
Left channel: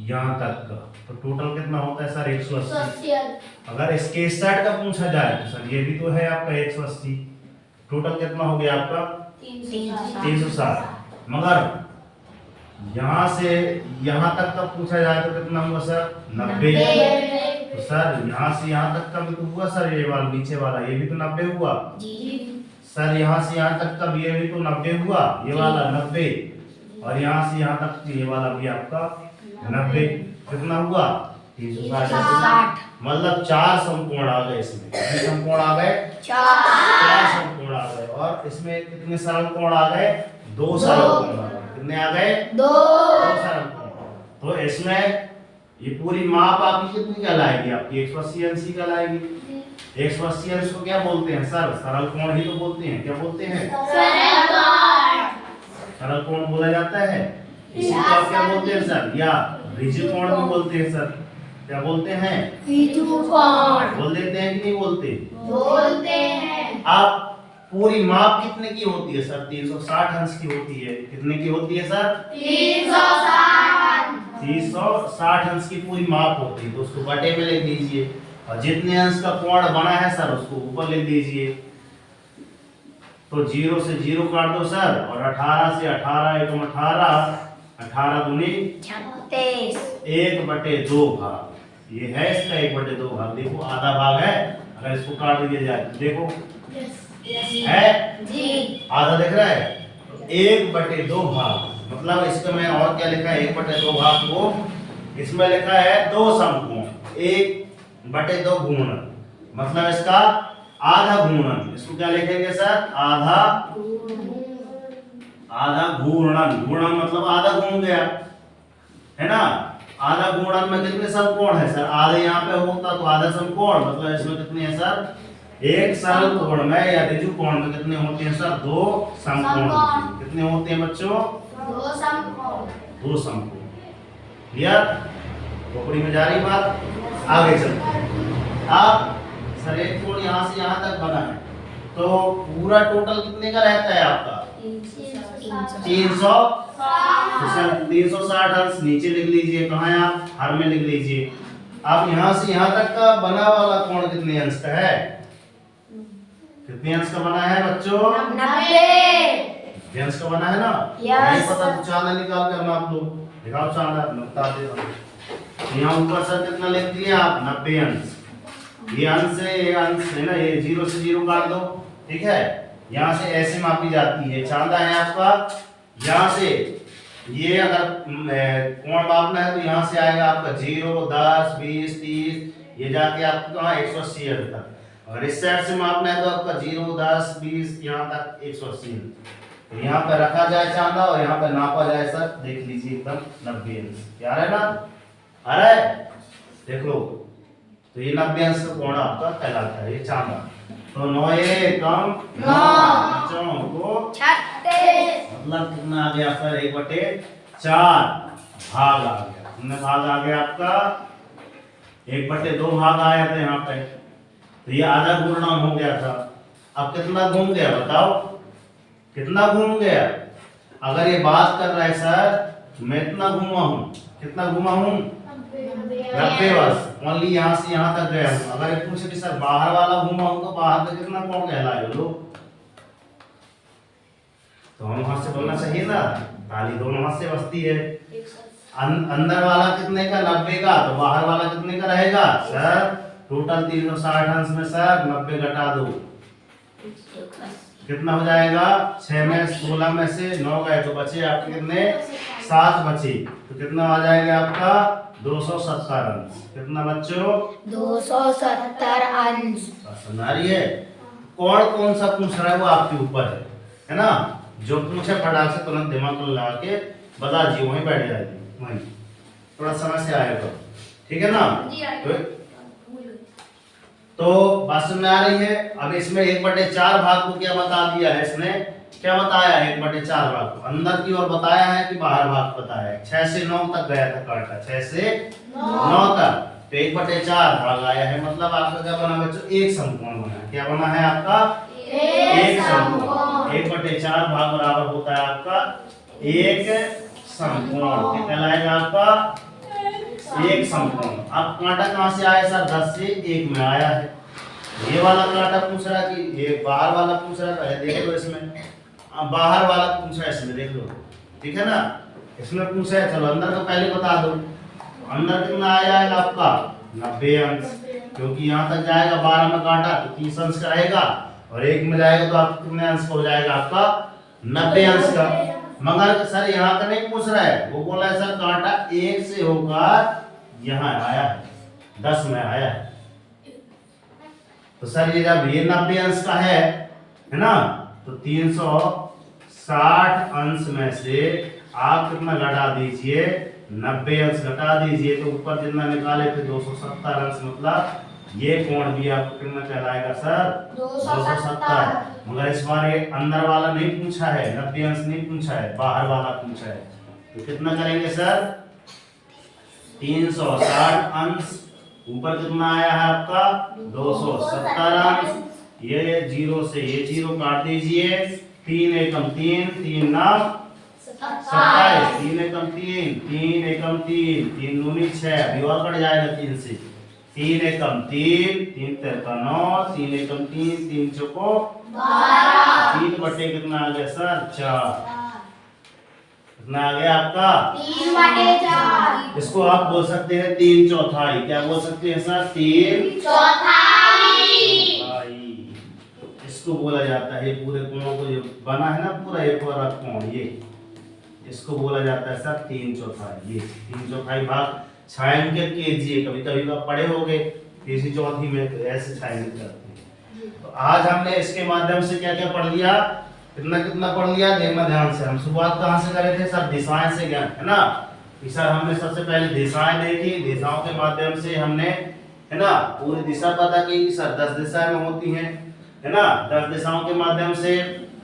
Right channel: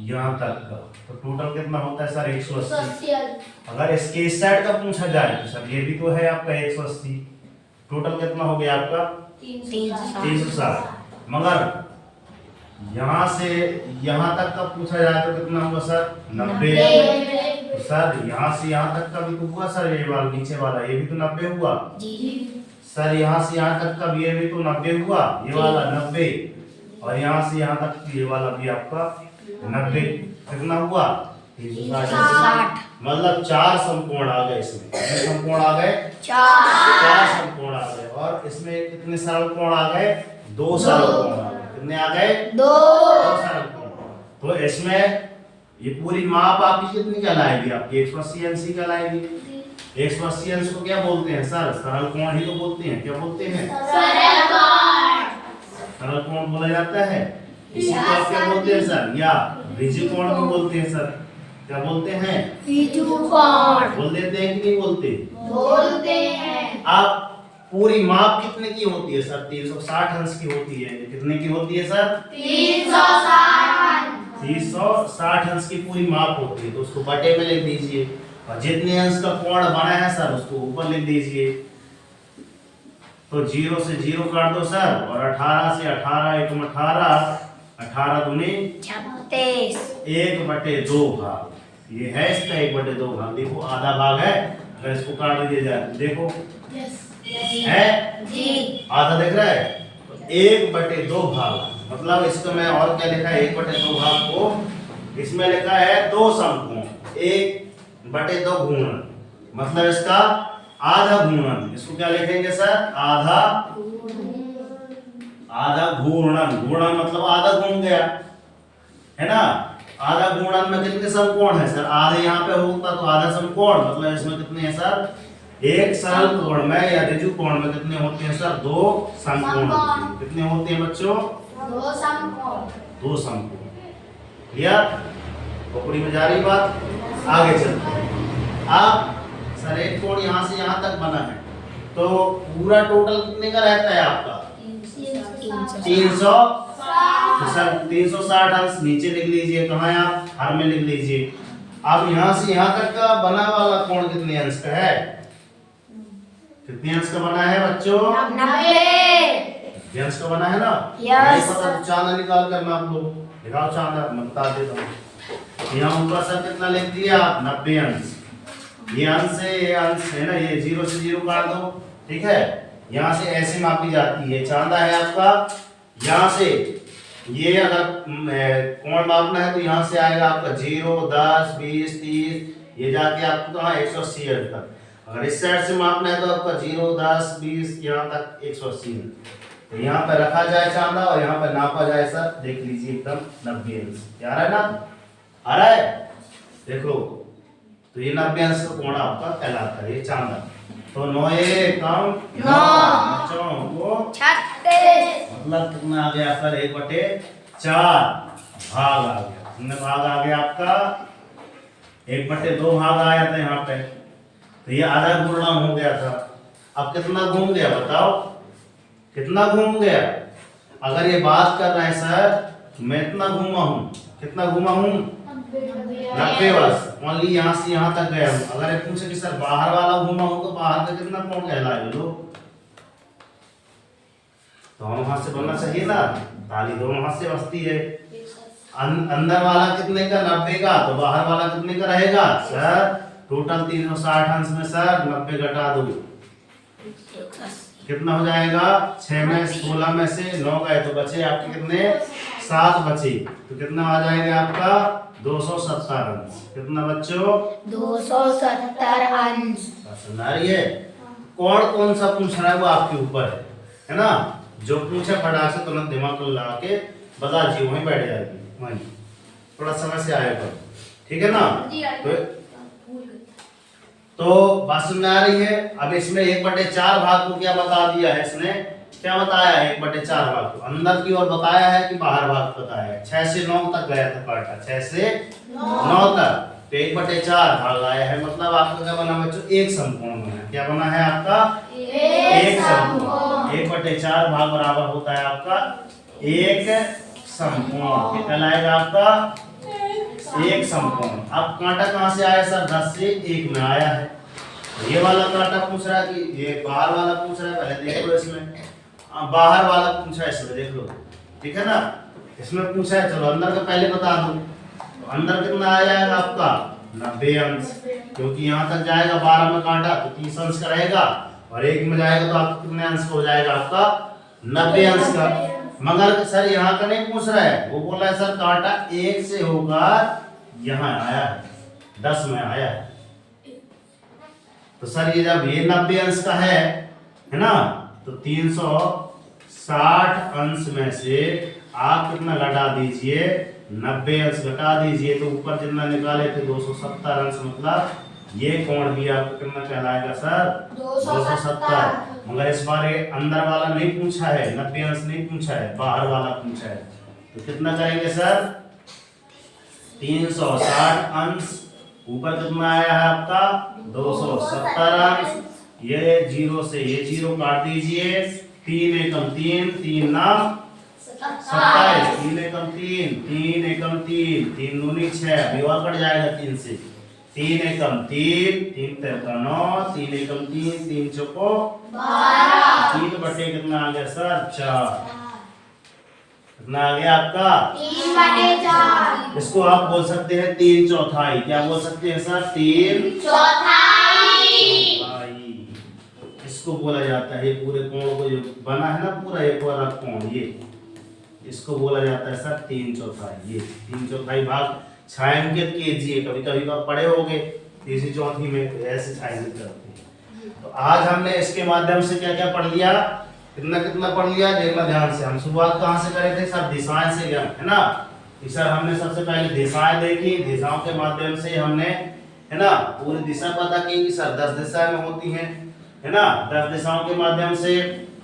यहाँ तक का, तो टोटल कितना होता है सर, 180। अगर इसके इस साइड का पूछा जाए तो सर ये भी तो है आपका 180, टोटल कितना हो गया आपका 360। मगर यहाँ से यहाँ तक का पूछा जाए तो कितना हुआ सर, 90। तो सर यहाँ से यहाँ तक का भी तो हुआ सर, ये वाला नीचे वाला ये भी तो 90 हुआ सर। यहाँ से यहाँ तक का भी ये भी तो 90 हुआ, ये वाला 90, और यहाँ से यहाँ तक ये वाला भी आपका 90, कितना हुआ 360। मतलब 4 समकोण आ गए इसमें। कितने समकोण आ गए, 4 समकोण आ गए। और इसमें कितने सरल कोण आ गए, 2 सरल कोण आ गए। कितने आ गए, 2 सरल कोण। तो इसमें ये पूरी माप आपकी कितनी कहलाएगी, आपकी 180 अंश कहलाएगी। 180 अंश को क्या बोलते हैं सर, सरल कोण ही तो बोलते हैं। क्या बोलते हैं, सरल कोण बोला जाता है। इसी को आप क्या बोलते हैं सर, या ऋजु कोण भी बोलते हैं सर। क्या बोलते हैं, बोल देते हैं कि नहीं बोलते हैं। आप पूरी माप कितने की होती है सर, 360 अंश की होती है। कितने की होती है सर, 360 अंश की पूरी माप होती है। तो उसको बटे में लिख दीजिए, और जितने अंश का कोण बना है सर उसको ऊपर लिख दीजिए। तो 0 से 0 काट दो सर, और 18 से 18 एकम 18, 18 दूनी 36, 1/2 भाग। ये है इसका 1/2 भाग। देखो आधा भाग है, अगर इसको काट दिया जाए तो देखो है आधा, दिख रहा है। 1/2 भाग, मतलब इसका मैं और क्या लिखा है, 1/2 भाग को इसमें लिखा है 2 समकोण, 1/2 घूर्णन, मतलब इसका आधा घूर्णन। इसको क्या लिखेंगे सर, आधा घूर्णन। घूर्णन मतलब आधा घूम गया, है ना। आधा घूर्णन में कितने समकोण है सर, आधे यहाँ पे होता तो आधा समकोण, मतलब इसमें कितने हैं सर, एक सरल कोण में या ऋजु कोण में कितने होते हैं सर, 2 समकोण होते हैं। कितने होते हैं बच्चों, 2 समकोण। क्लियर, खोपड़ी में जा रही बात, आगे चलते हैं। अब सर एक कोण यहाँ से यहाँ तक बना है, तो पूरा टोटल कितने का रहता है आपका, 300। तो सर 360 अंश नीचे लिख लीजिए, कहाँ है आप, हर में लिख लीजिए। अब यहाँ से यहाँ तक का बना वाला कोण कितने अंश का है, कितने अंश का बना है बच्चों, 90 अंश का बना है ना। नहीं पता तो चांदा निकाल करना आप लोग, दिखाओ चांदा, मैं बता देता हूँ। यहाँ ऊपर सर कितना लिख दिया आप, 90 अंश। ये अंश है, ये अंश है ना, ये 0 से 0 काट दो, ठीक है। यहाँ से ऐसे मापी जाती है। चांदा है आपका यहाँ से, ये अगर कोण मापना है तो यहाँ से आएगा आपका 0, 10, 20, 30, ये जाके आपको कहाँ 180 तक। अगर इस साइड से मापना है तो आपका 0, 10, 20 यहाँ तक 180। तो यहाँ पे रखा जाए चांदा और यहाँ पे नापा जाए सर, देख लीजिए एकदम 90 अंश। क्या आ रहा है ना, आ रहा है, देख लो। तो ये 90 अंश का कोण आपका कहलाता है ये चांदा। तो 9 एकम 9 को 36 मतलब कितना आ गया सर, 1/4 भाग आ गया। कितने भाग आ गया आपका, 1/2 भाग आया था यहाँ पे। तो ये आधा गुणा हो गया था। अब कितना घूम गया बताओ, कितना घूम गया। अगर ये बात कर रहा है सर मैं इतना घूमा हूँ, कितना घूमा हूँ 90 बस, ओनली यहाँ से यहाँ तक गया हूँ। अगर ये पूछे कि सर बाहर वाला घूमा हूँ तो बाहर का कितना कोण कहलाएगा लोग, दोनों हाथ से बनना चाहिए था, ताली दोनों हाथ से बजती है। अंदर वाला कितने का 90 का, तो बाहर वाला कितने का रहेगा सर, टोटल 360 अंश में सर 90 घटा दो, कितना हो जाएगा 6 में 16 में से 9 गए तो बचे आपके कितने 7 बचे। तो कितना आ जाएगा आपका 270 अंश। कितना बच्चों 270 अंश। समझ आ रही है। कौन कौन सा पूछ रहा है वो आपके ऊपर है ना। जो पूछे फटाक से तुरंत दिमाग को लगा के बता दीजिए, वहीं बैठ जाएगी, वहीं थोड़ा समय से आएगा, ठीक है ना। तो बात समझ में आ रही है। अब इसमें 1/4 भाग को क्या बता दिया है, इसने क्या बताया है 1/4 भाग को, अंदर की ओर बताया है कि बाहर भाग बताया है। 6 से 9 तक गया था कांटा, 6 से 9 तक, तो 1/4 भाग आया है। मतलब आपका क्या बना बच्चों, एक समकोण बना है। क्या बना है आपका, एक समकोण। 1/4 भाग बराबर होता है आपका एक समकोण। क्या कहलाएगा आपका, एक समकोण। अब कांटा कहां से आया सर, 10 से 1 में आया है। ये वाला कांटा पूछ रहा है कि ये बाहर वाला पूछ रहा है, पहले देख लो इसमें, बाहर वाला पूछा है इसमें, देख लो, ठीक है ना। इसमें पूछा है, चलो अंदर का पहले बता दो। अंदर कितना आ जाएगा आपका 90 अंश, क्योंकि यहाँ तक जाएगा 12 में कांटा तो 30 अंश का रहेगा, और 1 में जाएगा तो आपको कितने अंश का हो जाएगा आपका 90 अंश का। मगर सर यहाँ का नहीं पूछ रहा है, वो बोल रहा है सर कांटा 1 से होकर यहाँ आया है, 10 में आया है। तो सर ये जब ये 90 अंश का है ना, तो 360 अंश में से आप कितना घटा दीजिए, 90 अंश घटा दीजिए, तो ऊपर जितना निकाले थे 270 अंश, मतलब ये कोण भी आपको कितना कहलाएगा सर 270। मगर इस बार ये अंदर वाला नहीं पूछा है, 90 अंश नहीं पूछा है, बाहर वाला पूछा है। तो कितना करेंगे सर 360 अंश, ऊपर कितना आया है आपका 270 अंश। ये 0 से ये 0 काट दीजिए, 3 एकम 3, 3 नाम 27, 3 एकम 3, 3 एकम 3, 3 दूनी 6, भी और कट जाएगा 3 से, 3 एकम 3, 3 तेरका 9, 3 एकम 3, 3 चौको 12, 3 बटे कितना आ गया सर 4, कितना आ गया आपका 3/4। इसको आप बोल सकते हैं 3/4। क्या बोल सकते हैं सर 3/4। इसको बोला जाता है, पूरे कोण को जो बना है ना पूरा एक वाला कोण, ये इसको बोला जाता है सर 3/4। ये 3/4 भाग छायांकित कीजिए, कभी कभी आप पढ़े होंगे तीसरी चौथी में, तो ऐसे छायांकित करते हैं। तो आज हमने इसके माध्यम से क्या क्या पढ़ लिया, कितना कितना पढ़ लिया, देखना ध्यान से। हम शुरुआत कहाँ से करे थे सर, दिशाएं से, है ना। सर हमने सबसे पहले दिशाएं देखी, दिशाओं के माध्यम से हमने है ना पूरी दिशा पता की कि सर 10 दिशाएं होती हैं, है ना। 10 दिशाओं के माध्यम से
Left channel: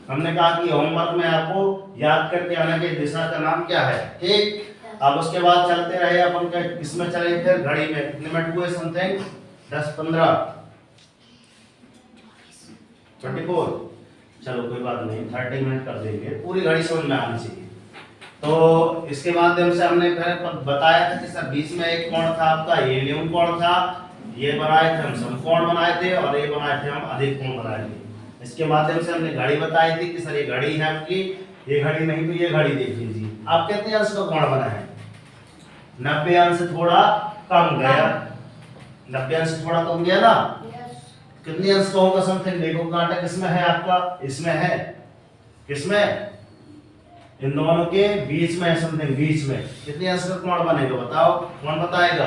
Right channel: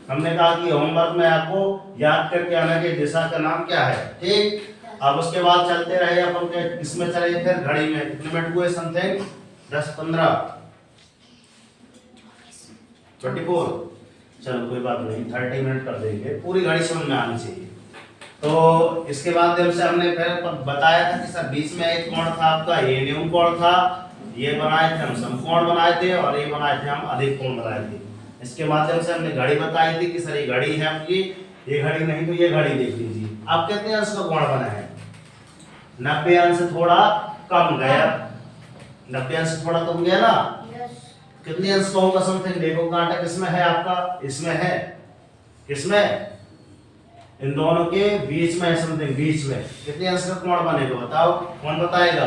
हमने कहा कि होमवर्क में आपको याद करके आना कि दिशा का नाम क्या है, ठीक। अब उसके बाद चलते रहे अपन के इसमें चले फिर घड़ी में, कितने मिनट हुए समथिंग 10, 15, 24, चलो कोई बात नहीं 30 मिनट कर देंगे, पूरी घड़ी समझ में आनी चाहिए। तो इसके माध्यम से हमने फिर बताया था कि सर बीच में एक कोण था आपका, ये न्यून कोण था, ये बनाए थे हम समकोण बनाए थे, और ये बनाए थे हम अधिक कोण बनाए थे। इसके माध्यम से हमने घड़ी बताई थी कि सर ये घड़ी है आपकी, ये घड़ी नहीं तो ये घड़ी देख लीजिए। आप कितने अंश का कोण बना है, 90 अंश से थोड़ा कम गया, 90 अंश से थोड़ा कम गया ना, कितने अंश का होगा समथिंग? देखो कांटा किसमें है आपका, इसमें है, किसमें? इन दोनों के बीच में है समथिंग, बीच में कितने अंश का कोण बनेगा बताओ, कौन बताएगा?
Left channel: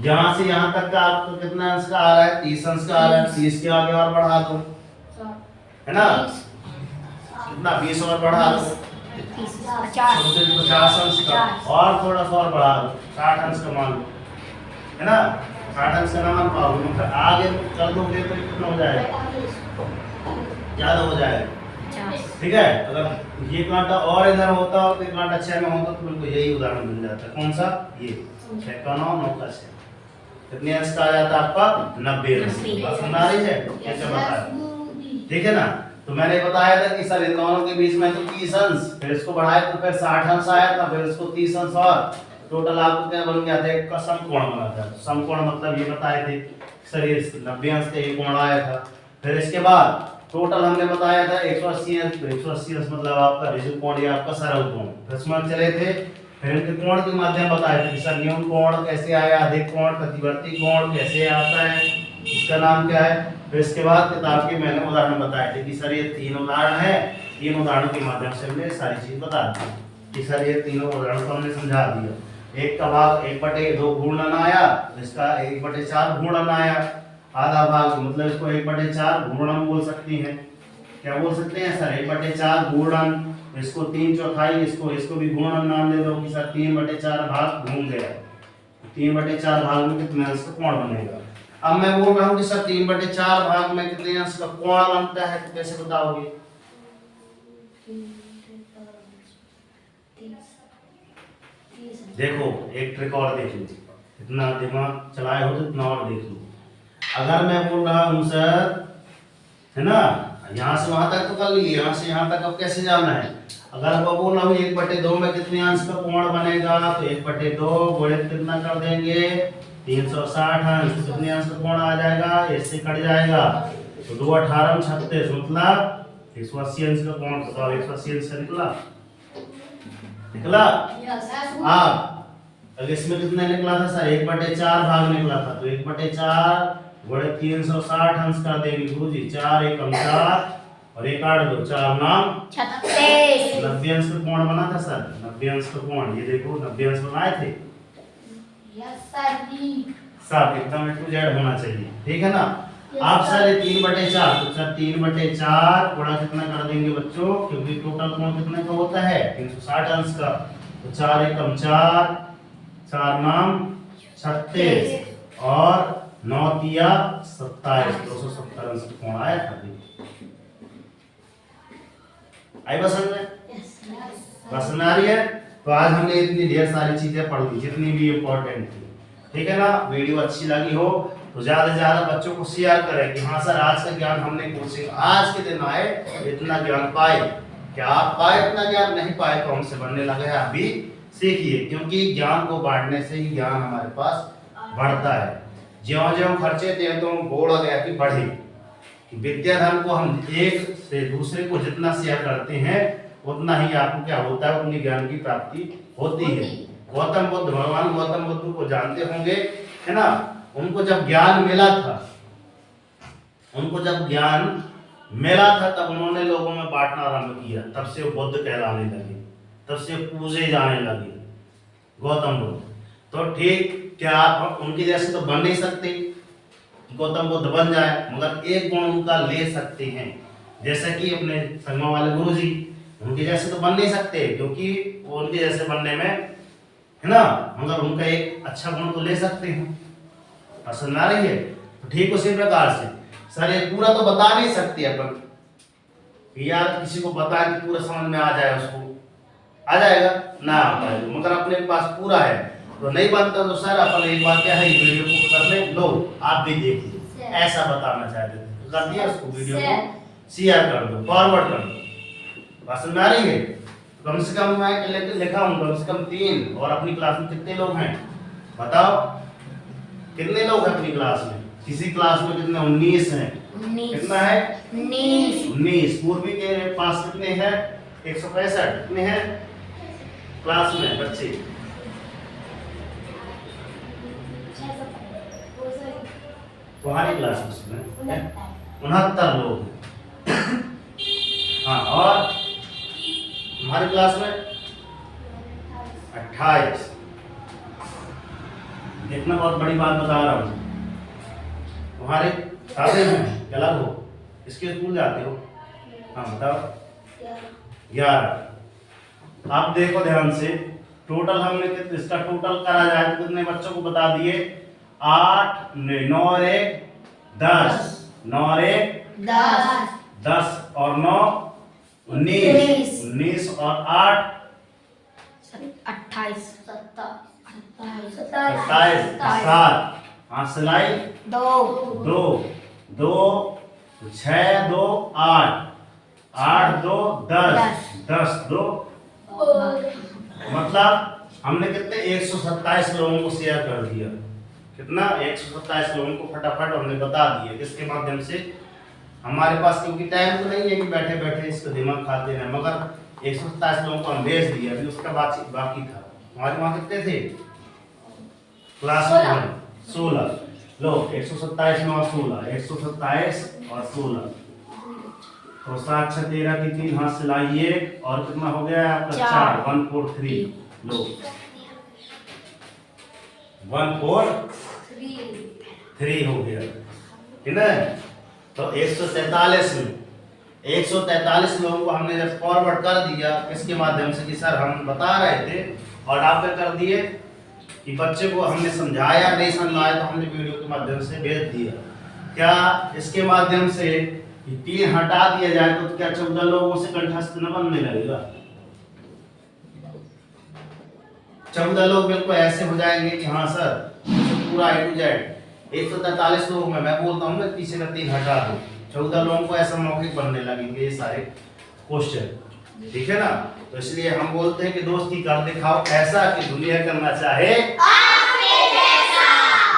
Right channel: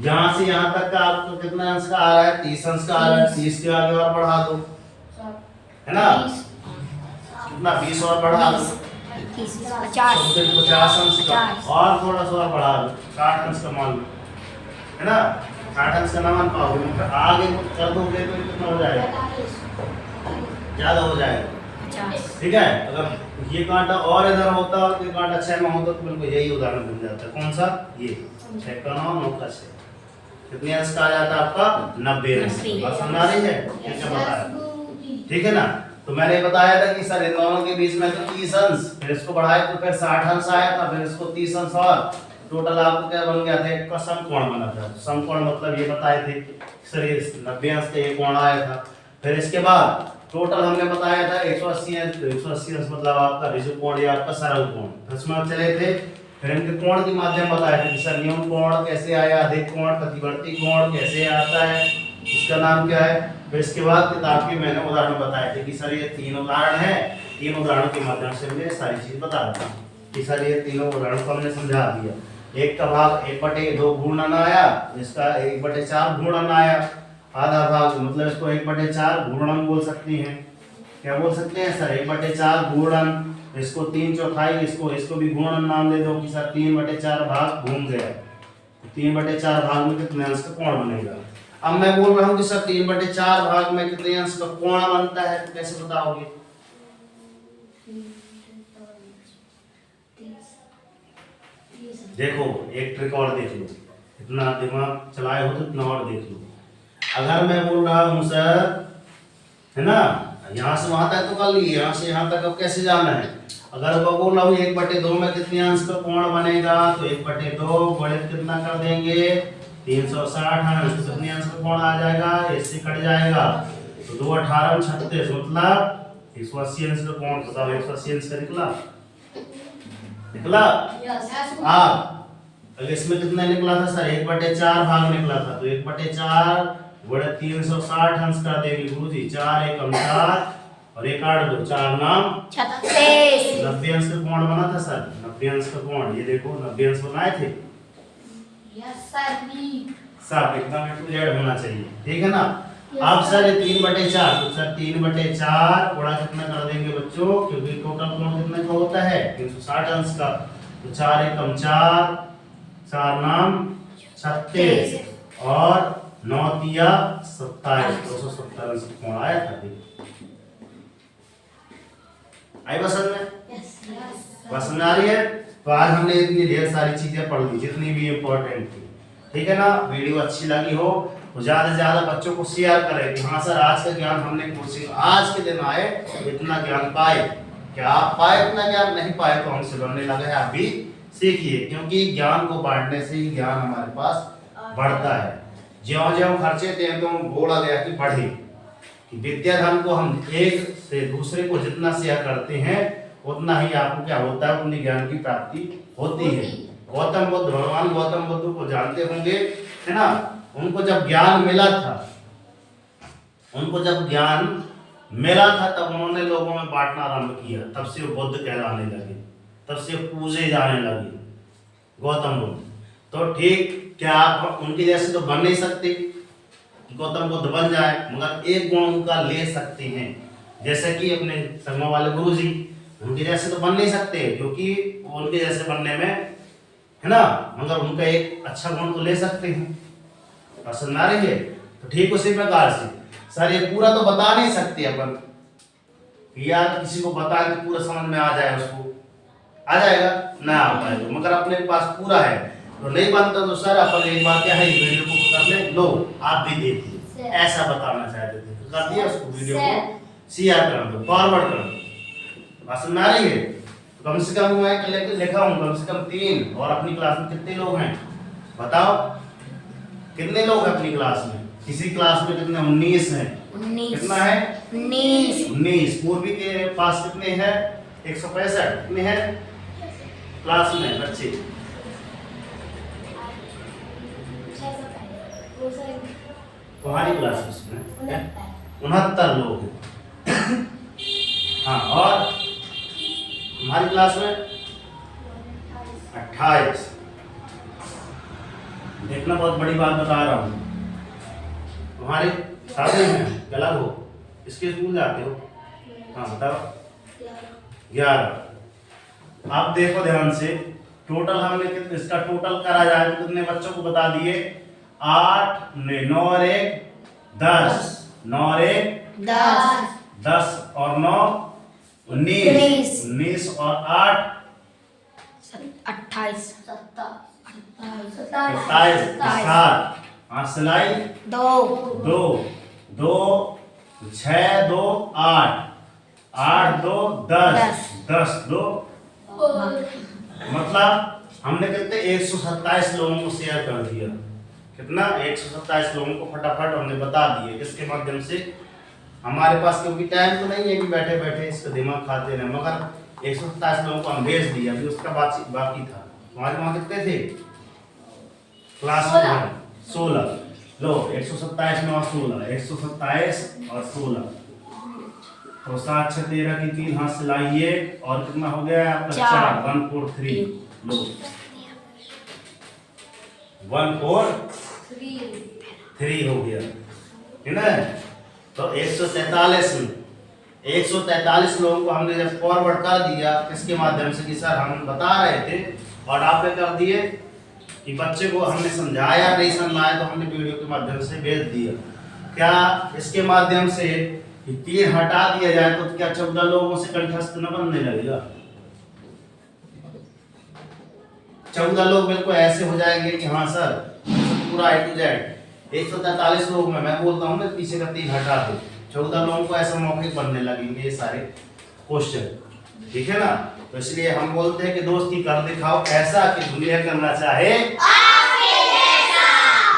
यहां से यहां तक का आपको कितना अंश का आ रहा है? 30 अंश का आ रहा है। 30 के आगे और बढ़ा दो, है ना? कितना? 20 और बढ़ा दो, 50 अंश का, और थोड़ा सा और बढ़ा दो, 60 अंश का मान लो, है ना? 60 अंश का ना मान पाओगे, आगे कर दोगे तो कितना हो जाएगा? ज्यादा हो जाएगा, ठीक है? अगर ये कांटा और इधर होता और ये कांटा 6 में होता तो बिल्कुल यही उदाहरण बन जाता। कौन सा? ये 6 का 9, 9 का 6, कितने अंश का आ जाता आपका? 90 अंश। बात समझ आ रही है? क्या बताया, ठीक है ना? तो मैंने बताया था कि सर इन दोनों के बीच में तो 30 अंश, फिर इसको बढ़ाए तो फिर 60 अंश आया था, फिर इसको 30 अंश, और टोटल आपको क्या बन गया था? एक का समकोण बना था। समकोण मतलब ये बताए थे सर ये 90 अंश का ये कोण आया था। फिर इसके बाद टोटल हमने बताया था 180 अंश, तो 180 अंश मतलब आपका ऋजु कोण या आपका सरल कोण। फिर उसमें चले थे, फिर इनके कोण के माध्यम बताए थे कि सर न्यून कोण कैसे आया, अधिक कोण, प्रतिवर्ती कोण कैसे आता है, इसका नाम क्या है। फिर इसके बाद किताब के मैंने उदाहरण बताए थे कि सर ये 3 उदाहरण है, 3 उदाहरणों के माध्यम से हमने सारी चीज बता दी कि सर ये तीनों उदाहरण को हमने समझा दिया। एक का भाग 1/2 घूर्णन आया, इसका 1/4 घूर्णन आया, आधा भाग मतलब इसको 1/4 घूर्णन बोल सकती हैं। क्या बोल सकते हैं सर? 1/4 घूर्णन, इसको 3/4, इसको भी घूर्णन नाम दे दो कि सर 3/4 भाग घूम गया। 3/4 भाग में कितने अंश का कोण बनेगा? अब मैं बोल रहा हूँ कि सर 3/4 भाग में कितने अंश का कोण बनता है, तो कैसे बताओगे? देखो एक ट्रिक और देख लो, इतना दिमाग चलाए हो तो इतना और देख लो। अगर मैं बोल रहा हूँ सर, है ना, यहाँ से वहां तक तो कर लिए, यहाँ से यहाँ तक अब कैसे जाना है? अगर मैं बोल रहा हूँ 1/2 में कितने अंश का कोण बनेगा, तो 1/2 गुणित कितना कर देंगे? 360 अंश। तो कितने अंश का कोण आ जाएगा? इससे कट जाएगा, तो 2 18 36 मतलब 180 अंश का कोण। बताओ 180 अंश का निकला? निकला? अब इसमें कितना निकला था सर? 1/4 भाग निकला था, तो 1/4 गुणित 360 अंश कर देंगे गुरुजी। 4 एकम 4 और 1 8 2 4 नाम 36। 90 अंश का कोण बना था सर, 90 अंश का कोण। ये देखो 90 अंश बनाए थे सब, एकदम A to Z होना चाहिए, ठीक है ना? अब सर 3/4, तो सर 3/4 गुणा कितना कर देंगे बच्चों, क्योंकि टोटल कोण कितने का होता है? 360 अंश का। तो 4 एकम 4, 4 नाम 36 और 9 तिया 27, 270 अंश का कोण आया था। आई बस में? बस में आ रही है? तो आज हमने इतनी ढेर सारी चीजें पढ़ ली जितनी भी इम्पोर्टेंट थी, ठीक है ना? वीडियो अच्छी लगी हो तो ज्यादा से ज्यादा बच्चों को शेयर करें कि हाँ सर आज का ज्ञान हमने कोचिंग आज के दिन आए, इतना ज्ञान पाए। क्या आप पाए इतना ज्ञान? नहीं पाए तो हमसे बनने लगे हैं, आप भी सीखिए, क्योंकि ज्ञान को बांटने से ही ज्ञान हमारे पास बढ़ता है। ज्यों ज्यों खर्चे थे तो बोला गया कि बढ़े, कि विद्या धन को हम एक से दूसरे को जितना शेयर करते हैं उतना ही आपको क्या होता है, उतनी ज्ञान की प्राप्ति होती है। गौतम बुद्ध, भगवान गौतम बुद्ध को जानते होंगे, है ना? उनको जब ज्ञान मिला था, उनको जब ज्ञान मिला था तब उन्होंने लोगों में बांटना आरंभ किया, तब से वो बुद्ध कहलाने लगे, तब से पूजे जाने लगे गौतम बुद्ध। तो ठीक, क्या आप उनके जैसे तो बन नहीं सकते गौतम बुद्ध बन जाए, मगर एक गुण उनका ले सकते हैं, जैसे कि अपने संगमा वाले गुरुजी, उनके जैसे तो बन नहीं सकते क्योंकि वो उनके जैसे बनने में, है ना, मगर उनका एक अच्छा गुण तो ले सकते हैं। पसंद आ रही है? तो ठीक उसी प्रकार से सर ये पूरा तो बता नहीं सकते अपन, यार किसी को बताएं कि पूरा समझ में आ जाए, उसको आ जाएगा ना आ पाए तो, मगर अपने पास पूरा है तो नहीं बनता। तो सर अपन एक बार क्या है, वीडियो को कर ले लो, आप भी देखिए, ऐसा बताना चाहते थे तो कर दिया, उसको वीडियो को शेयर कर दो, फॉरवर्ड कर दो। पसंद आ रही है? तो कम से कम मैं लिखा हूँ कम से कम 3, और अपनी क्लास में कितने लोग हैं बताओ? कितने लोग हैं अपनी क्लास में? किसी क्लास में कितने? 19 हैं। 19 कितना है? 19। पूर्वी के पास कितने हैं? 165। कितने हैं क्लास में बच्चे? तुम्हारी क्लास में 69 लोग हैं। हाँ, और तुम्हारी क्लास में 28। देखना, बहुत बड़ी बात बता रहा हूँ। तुम्हारे साथ में क्या अलग हो, इसके स्कूल जाते हो? हाँ बताओ। 11। आप देखो ध्यान से, टोटल हमने इसका टोटल करा जाए तो कितने बच्चों को बता दिए? 8, 9 और 1 10, 9 और 1 10 और 9 19, 19 और 8 28 27, 7। हाँ सिलाई 2 2 2 6 2 8 8 2 10 10 2, मतलब हमने कितने 127 लोगों को शेयर कर दिया। कितना? 127 लोगों को फटाफट हमने बता दिया। किसके माध्यम से? हमारे पास क्योंकि टाइम तो नहीं है कि बैठे बैठे इसका दिमाग खाते रहे, मगर 127 लोगों को हम भेज दिया। अभी उसका बाकी था। हमारे वहाँ कितने थे क्लास में? 16। लो 127 में और 16, 127 और 16 तो 7 6 13 की 3 हाथ सिलाइए और कितना हो गया आपका? 4 1 4 3। लो 1 4 3 हो गया, है ना? तो 143 में 143 लोगों को हमने जब फॉरवर्ड कर दिया इसके माध्यम से कि सर हम बता रहे थे और आपने कर दिए कि बच्चे को हमने समझाया, नहीं समझ आया तो हमने वीडियो के माध्यम से भेज दिया। क्या इसके माध्यम से 3 हटा दिया जाए तो क्या 14 लोगों से कंठस्थ न बनने लगेगा? 14 लोग बिल्कुल ऐसे हो जाएंगे कि हाँ सर पूरा A to Z 143 लोग में मैं बोलता हूँ मैं पीछे का 3 हटा दो, 14 लोगों को ऐसा मौखिक बनने लगेंगे ये सारे क्वेश्चन, ठीक है ना? तो इसलिए हम बोलते हैं कि दोस्ती कर दिखाओ ऐसा कि दुनिया करना चाहे आपके जैसा।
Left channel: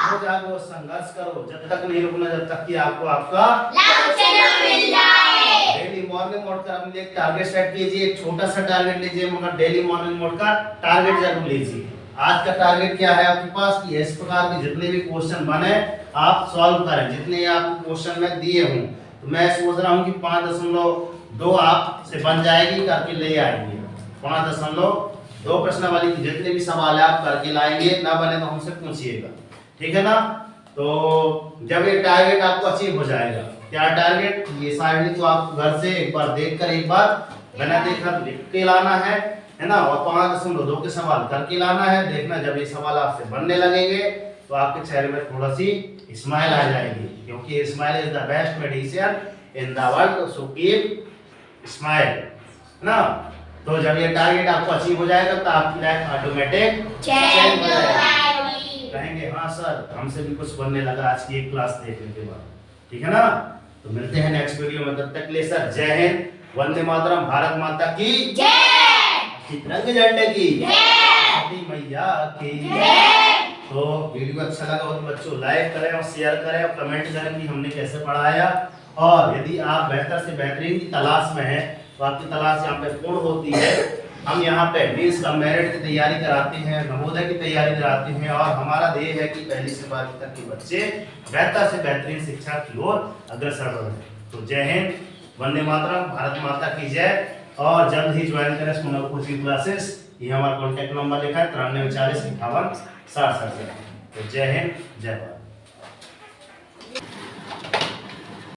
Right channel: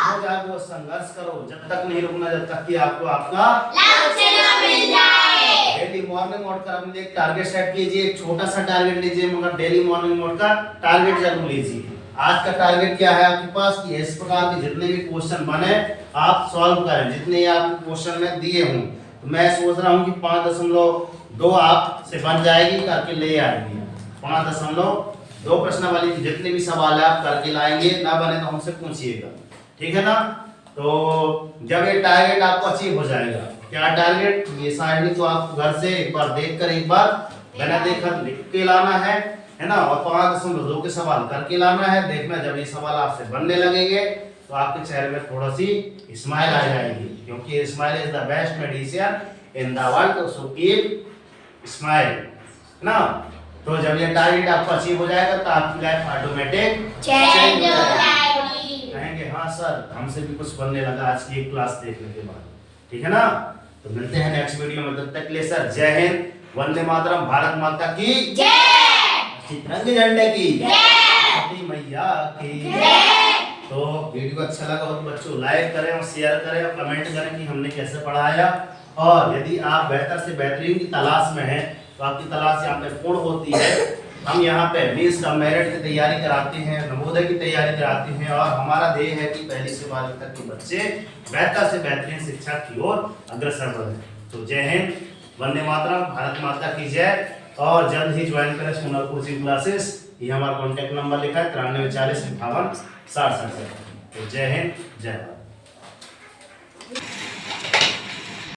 हो जाओ, संघर्ष करो, जब तक नहीं रुकना जब तक कि आपको आपका लक्ष्य न मिल जाए। डेली मॉर्निंग मोड का अपने एक टारगेट सेट कीजिए, एक छोटा सा टारगेट लीजिए, मगर डेली मॉर्निंग मोड का टारगेट जरूर लीजिए। आज का टारगेट क्या है आपके पास कि इस प्रकार के जितने भी क्वेश्चन बने आप सॉल्व करें, जितने आपको क्वेश्चन में दिए हों। तो मैं सोच रहा हूँ कि 5.2 आप से बन जाएगी, करके ले आएंगे। 5.2 प्रश्न वाली जितने भी सवाल है आप करके लाएंगे, ना बने तो हमसे पूछिएगा, ठीक है ना? तो जब ये टारगेट आपको अचीव हो जाएगा, क्या टारगेट ये साइड तो आप घर से एक बार देखकर एक बार बिना देखकर लिख के लाना है ना? और 5.2 के सवाल करके लाना है। देखना जब ये सवाल आपसे बनने लगेंगे तो आपके चेहरे में थोड़ा सी स्माइल आ जाएगी, क्योंकि smile is the best medicine in the world, so keep smile ना। तो जब ये टारगेट आपको अचीव हो जाएगा तो आपकी लाइफ ऑटोमेटिक चेंज हो जाएगी। कहेंगे हाँ सर हमसे भी कुछ बनने लगा आज की एक क्लास देखने के बाद, ठीक है ना? तो मिलते हैं नेक्स्ट वीडियो में, तब तक के लिए सर जय हिंद, वंदे मातरम, भारत माता की जय, तिरंगे झंडे की जय, मैया की जय। तो वीडियो अच्छा लगा हो तो बच्चों लाइक करें और शेयर करें और कमेंट करें कि हमने कैसे पढ़ाया। और यदि आप बेहतर से बेहतरीन की तलाश में हैं तो आपकी तलाश यहाँ पे पूर्ण होती है। हम यहाँ पे मीन्स का मेरिट की तैयारी कराते हैं, नवोदय की तैयारी कराते हैं, और हमारा ध्येय है कि पहली से 12वीं तक के बच्चे बेहतर से बेहतरीन शिक्षा की ओर अग्रसर बढ़ें। तो जय हिंद, वंदे मातरम, भारत माता की जय। और जल्द ही ज्वाइन करें सोनापुर सी क्लासेस, ये हमारा कॉन्टैक्ट नंबर लिखा है 93 40 58 60 67। तो जय हिंद, जय भारत।